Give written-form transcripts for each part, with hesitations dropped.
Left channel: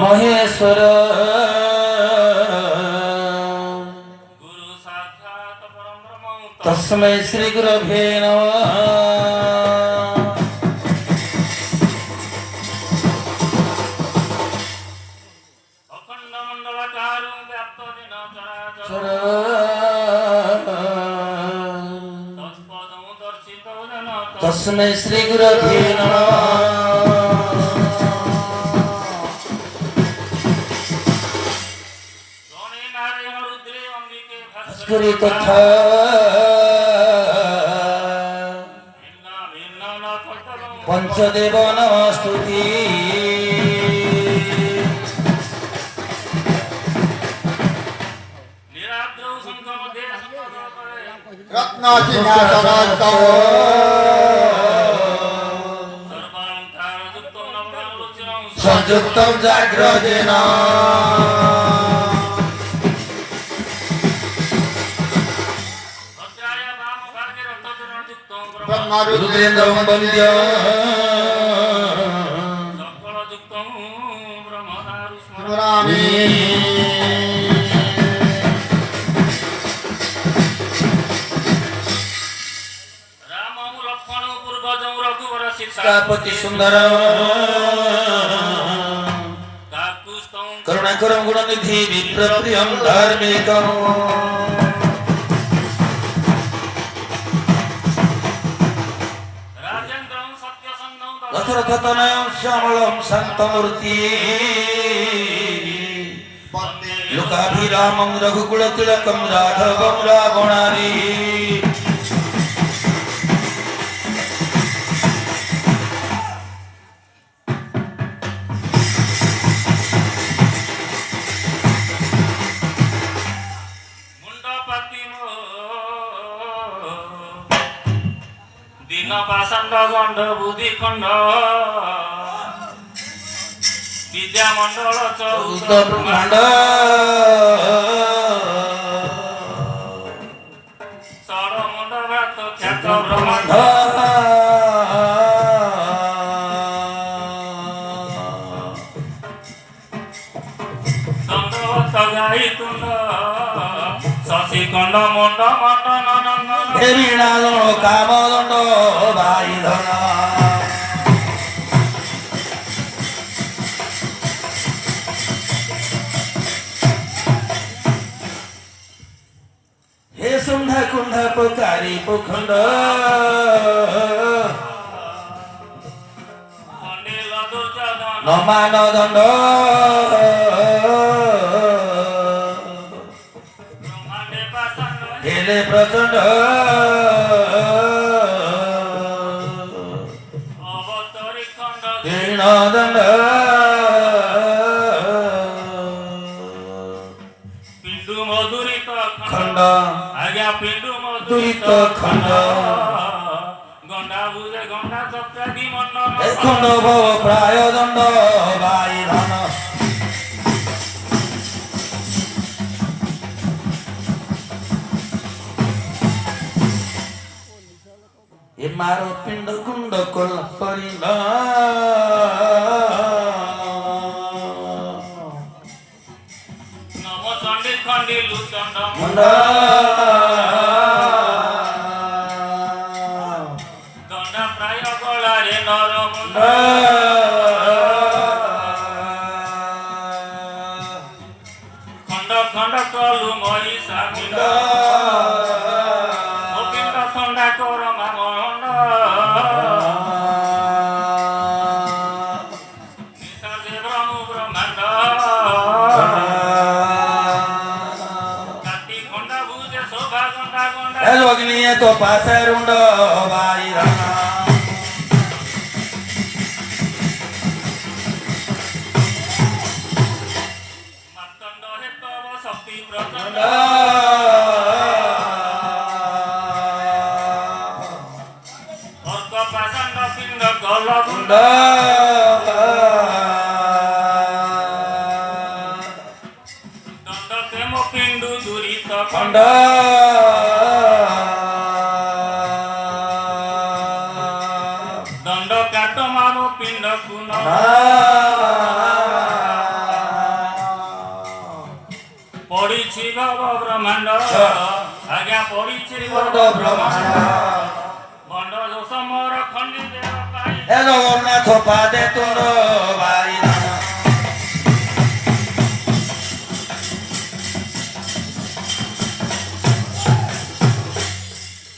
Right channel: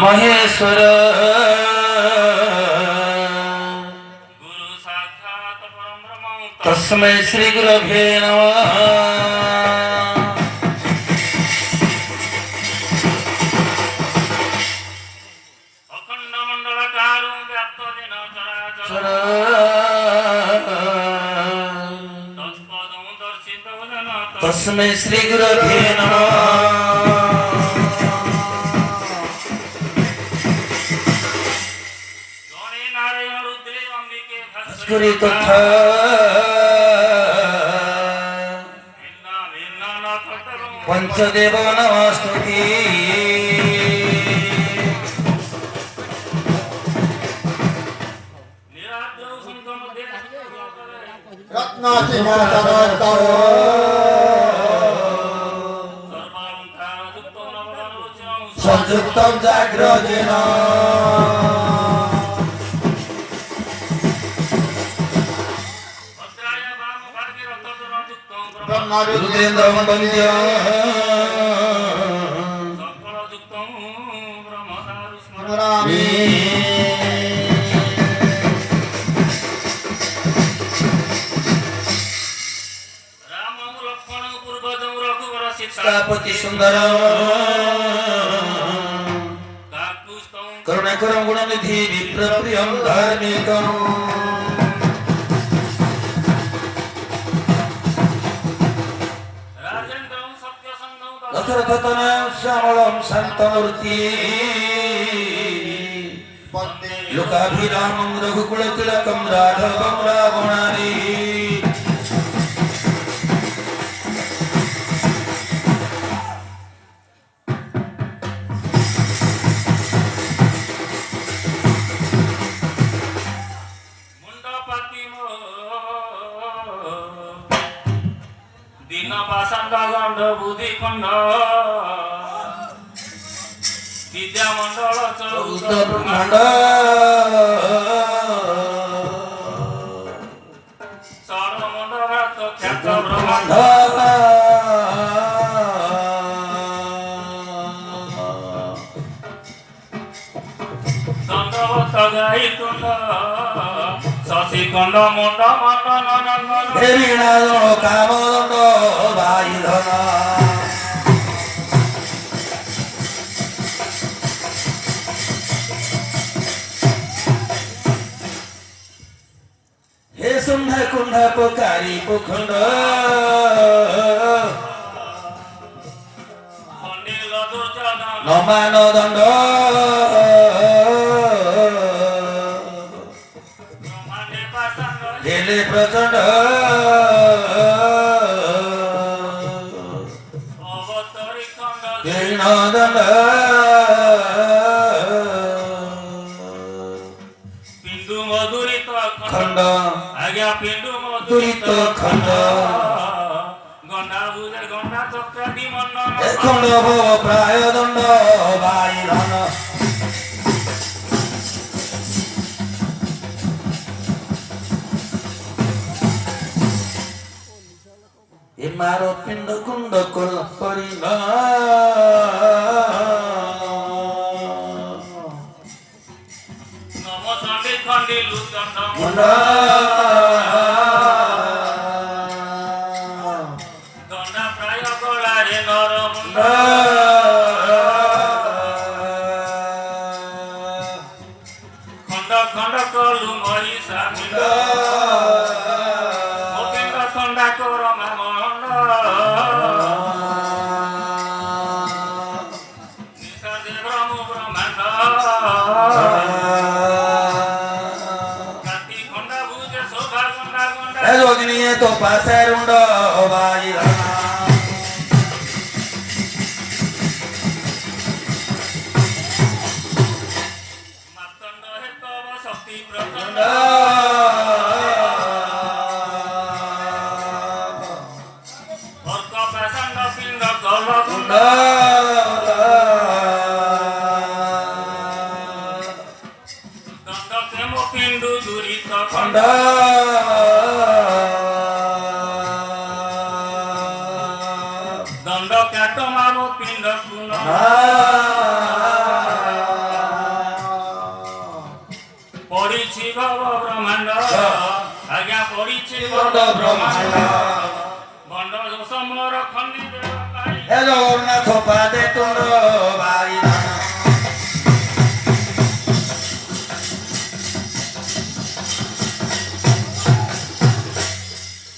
महेश्वर तस्मै श्री गुरवे नमः। अखंड मंडलकारं व्याप्त जेन चराचर तत्पदं दर्शितो जन तस्मै श्री गुरवे नमः। तथा पंचदेव नमस्तुति। संयुक्तं जाग्रतेन रुद्रेन्द्रं वन्द्यं सकलयुक्तं ब्रह्मदारु स्मरामि। रामं लक्ष्मणं पूर्वजं रघुवर सीतापति सुन्दरं काकुस्तं करुणाकरं गुणनिधि विप्रप्रियं धार्मिकं दशरथतनयं श्यामलं शान्तमूर्ति लोकाभिरामं रघुकुलतिलकं राघवं रावणारि गंड बुद्धि खंड विद्या मंडल चौदह ब्रह्मांड सौर मंडल तो ख्यात ब्रह्मांड दंडवत गाई तुंड शशि खंड मंड मंडन नंदन काम दंड भाई धन हे सुंड कुंड पुकारी पुखंड नमान दंड हेले प्रचंड दंड पिंडु मधुरित खंड आज्ञा पिंडु मधुरित खंड गंडा बुझे गंडा चक्रादि मंडन खंड प्राय दंड बाई धन ମାର ପିଣ୍ଡ କୁଣ୍ଡ କଲ କରିଲ ନମ ଚଣ୍ଡୀ ଖଣ୍ଡି ଲୁଚଣ୍ଡ ମୁଣ୍ଡ ଦଣ୍ଡା ପ୍ରାୟ ଗଳାରେ ନର ମୁଣ୍ଡ ଖଣ୍ଡ ଖଣ୍ଡ କଲୁ ମରି ସାମିଲ ଗୋବିନ୍ଦ ଥଣ୍ଡା କର ମାମଣ୍ଡ ନିଶା ଦେବ ମୁଁ ବ୍ରହ୍ମାଣ୍ଡ କାଟି ଖଣ୍ଡା ଭୁଜେ ଶୋଭା ଗଣ୍ଡା ଗଣ୍ଡା যোগিনী তো পাশে রুন্ড ভাই রামা মাতণ্ড হে তব শক্তি প্রচণ্ড অর্ক পাষাণ্ড পিণ্ড গল গুণ্ড দণ্ড প্রেম পিণ্ডু দুরিত খণ্ড দণ্ড কাট মাম পিণ্ড গুণ পড়িছি ভব ব্রহ্মাণ্ড আজ্ঞা পড়িছি ভব ব্রহ্মাণ্ড বন্ড দোষ মোর খণ্ডি দেব পাই জগন্নাথ পাদে তোর ভাই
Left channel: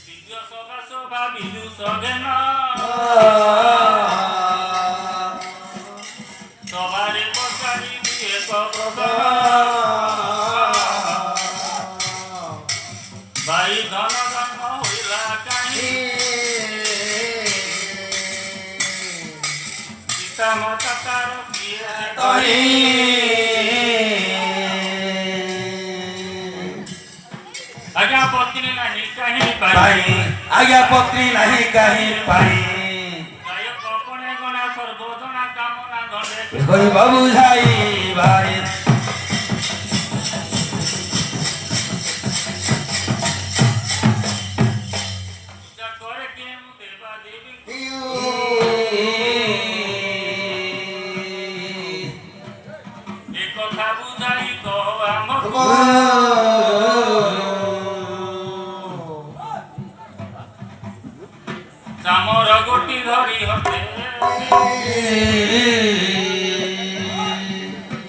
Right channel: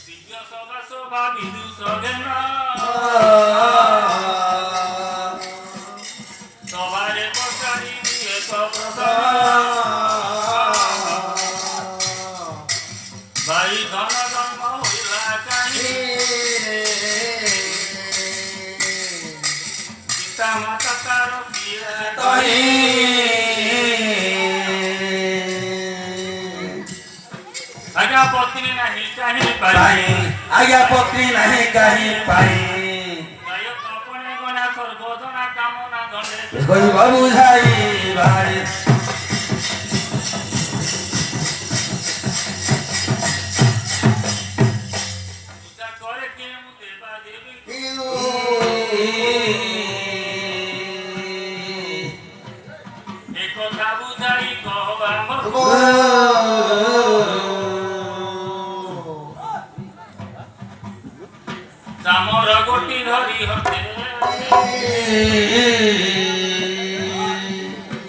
দিব্য সভা শোভা বিদু সগেন সভারে বসারি এক প্রসন্ন বাড়ি ধন জন্ম হইলা কাহি পিতা মাতা তার কিয়ে তহি আজ্ঞা পত্নী নাহি কাহি পাই পাই আজ্ঞা পত্রী নাহি কাহি পাই গায়ক কপনে গনা সর্বজনা কামনা ধনে কইব বুঝাই ভাই পূজা করে কেউ দেবা দেবী এ কথা বুঝাই কহ আমকু চামর গোটি ধরি হতে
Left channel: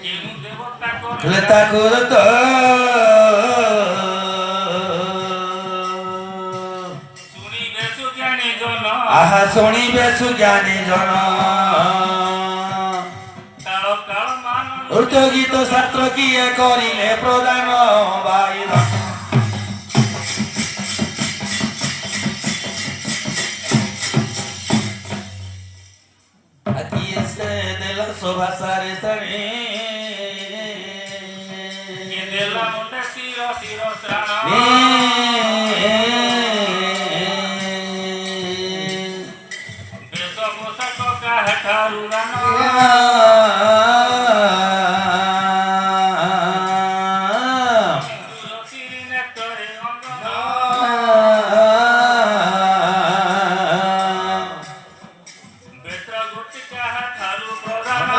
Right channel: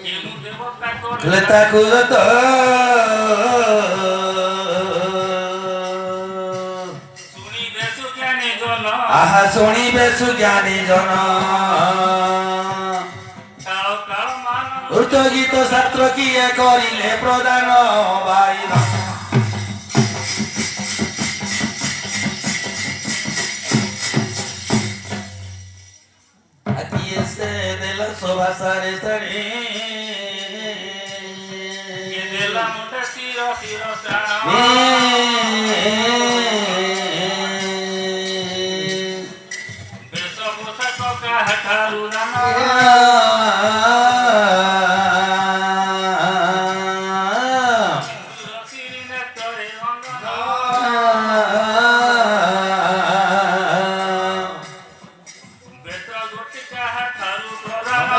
কেনু দেবতা করে তাকু তো শুনিবে সুজ্ঞানী জন আহা শুনিবে সুজ্ঞানী জন কাল কাল মান উর্ত গীত ছাত্র কিয়ে করিলে প্রদান ভাই aquí se de la soba sare sare দেলা মুন্ডে শির শির শ্রাণ বেশ পোশাক কাহাঠারু রান শিরি নেত্রে অঙ্গন বেত্র গোটি কাহাঠারু প্রদান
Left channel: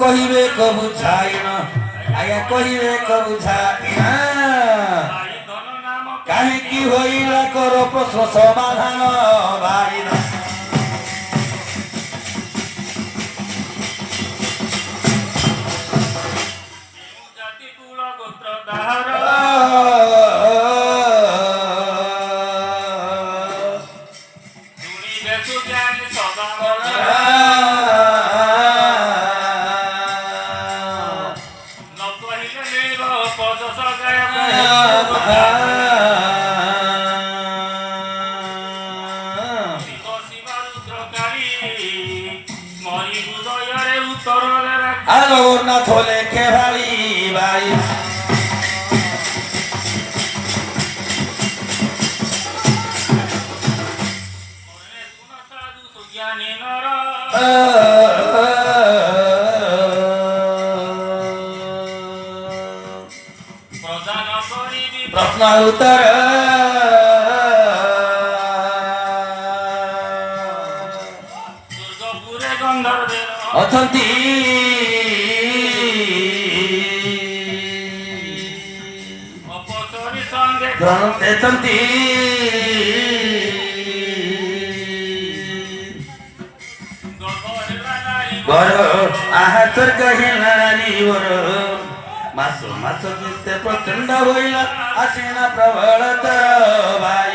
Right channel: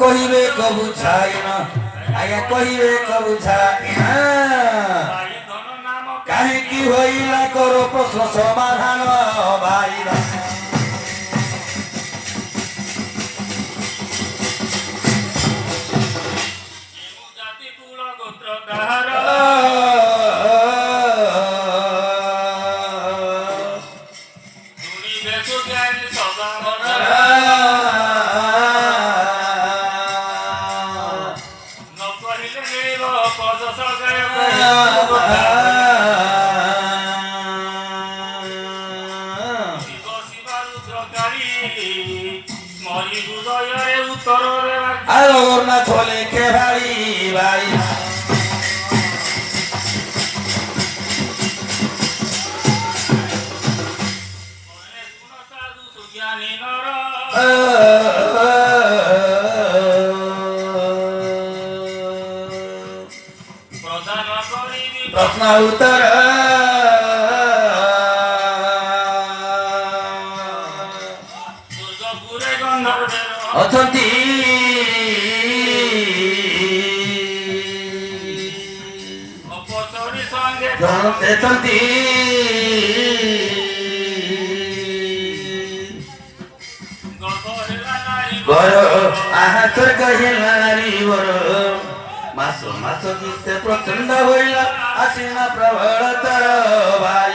কহিবে কবু ছাই না আজ্ঞা কহিবে কবু ছাই না ভাই ধন নাম কাহিকি হইলা কর প্রশ্ন সমাধান ভাই কেউ জাতি কুল গোত্র তাহার শুনিবে সুজ্ঞানী সদা মন ন কহিলে নীল পদ সগায় শিব শিবা রুদ্রকারী মরি হৃদୟରେ উত্তରରେ জগন্নাথ লেখে ভাই ভাই শুন সাধু সুজ্ঞানী নর প্রদান করিবি ଉତ୍ତର ଦୁର୍ଗପୁରେ ଗନ୍ଧର୍ବେର ଅଛନ୍ତି ଅପସରି ସଙ୍ଗେ ଅଛନ୍ତି ଗର୍ଭ ହେଲା ନାରୀ ବର ଆହା ସ୍ୱର୍ଗ ହେଲା ନାରୀ ବର ମାସ ମାସ ଗୀତେ ପ୍ରଚଣ୍ଡ ହୋଇଲା ଆସିନା ପ୍ରବଳ ତର ଭାଇ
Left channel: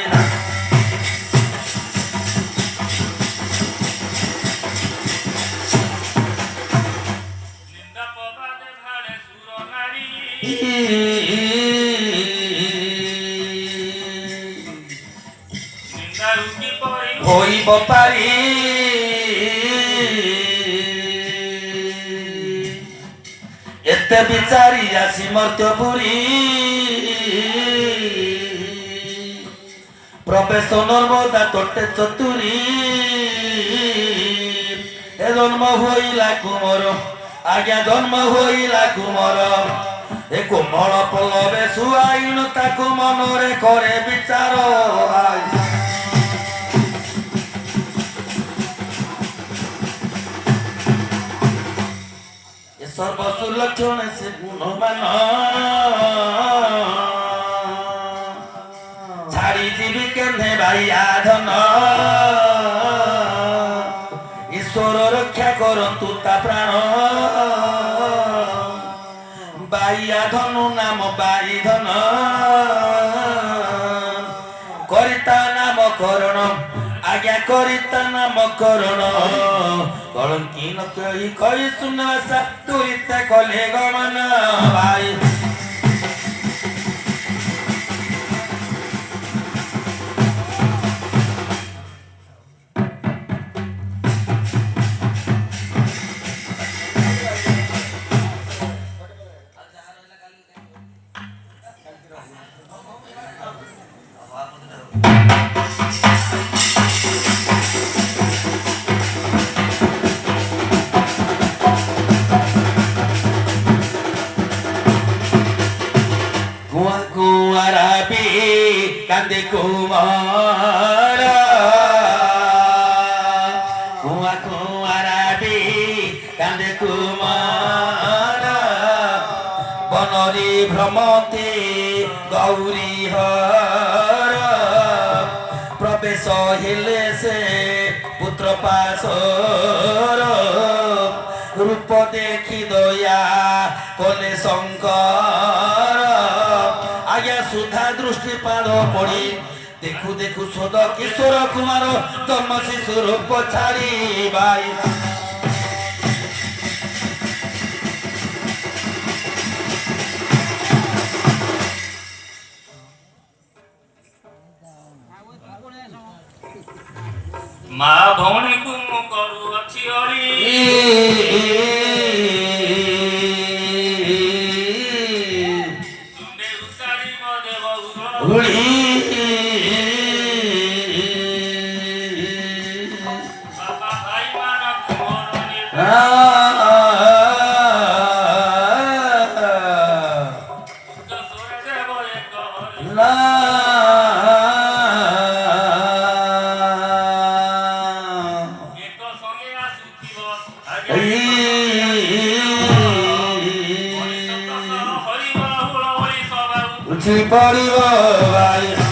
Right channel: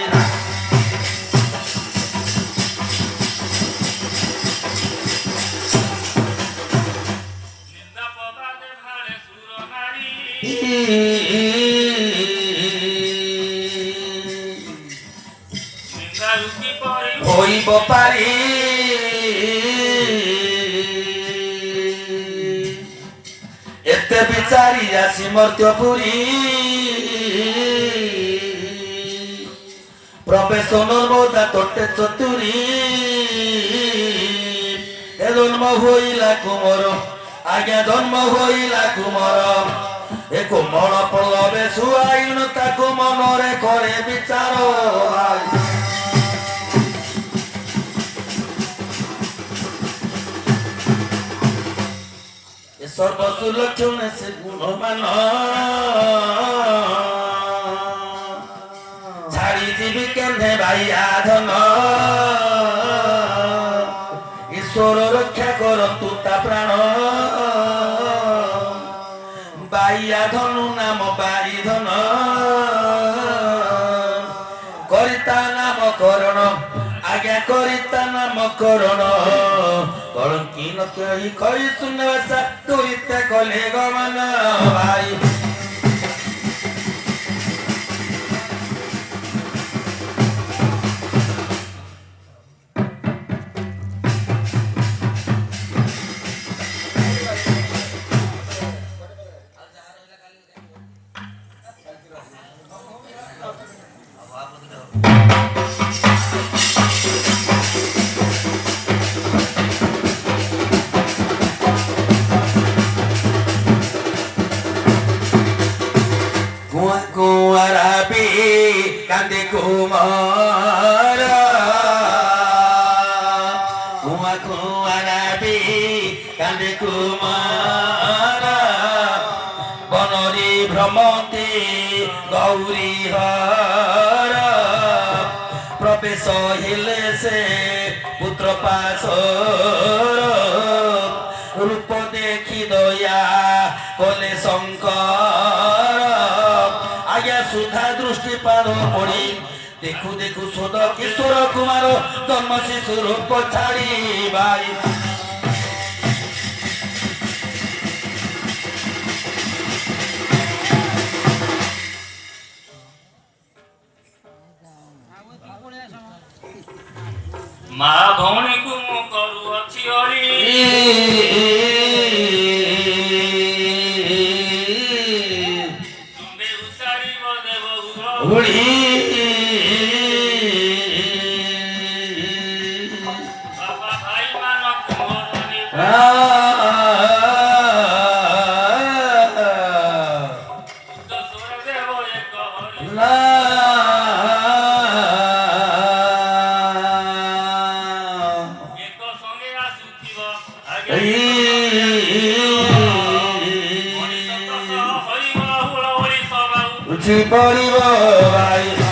ନିନ୍ଦା ପବାଦେ ଭାଳେ ସୁର ନାରୀ ନିନ୍ଦା ରୁକି ପରି ହୋଇବ ପାରି ଏତେ ବିଚାରି ଆସି ମର୍ତ୍ତ୍ୟପୁରୀ ପ୍ରବେଶ ନର୍ମଦା ତୋଟେ ଚତୁରୀ ଏ ଜନ୍ମ ହୋଇଲା କୁମର ଆଜ୍ଞା ଜନ୍ମ ହୋଇଲା କୁମର ଏ କୋମଳ ପଲବେ ଶୁଆଇନ ତାକୁ ମନରେ କରେ ବିଚାର সর্বসুলক্ষণে সে গুণমান ছাড়ি যাবি কেনে ভাইয়া ধন ঈশ্বর রক্ষা করন্তু তা প্রাণ বাইয়া ধনু নাম বাই ধন করিতা নাম করণ আজ্ঞা করিতা নাম করণ কলঙ্কিন কহি কহি শুনসা তুইতে কলে গমন ভাই কান্দে কুমার কুয়া কুয়ারাবি কান্দে কুমার বনরে ভ্রমতে গৌরী হর প্রবেশ হেলে সে পুত্র পাশর রূপ দেখি দয়া কলে শঙ্কর আজ্ঞা সুধা দৃষ্টিপাত পড়ি দেখু দেখু সদ কিশোর কুমার জন্ম শিশু রূপ ছাড়ি ভাই ମା ଭଉଣୀକୁ ମୁଁ କରୁଅଛି ହରି ତୁଣ୍ଡେ ଉଚାରିବ ଦେବ ହୁଳି ବାପା ଭାଇ ମାନଙ୍କୁ ମୋର ସୁର ଦେବ ଏକ ହରି ଏକ ସଙ୍ଗେ ଆସୁଥିବ ଆଜ୍ଞା ହରି ବହୁଳ ହରି ସବାଉ ଉଠି ପଡ଼ିବ ଭାଇ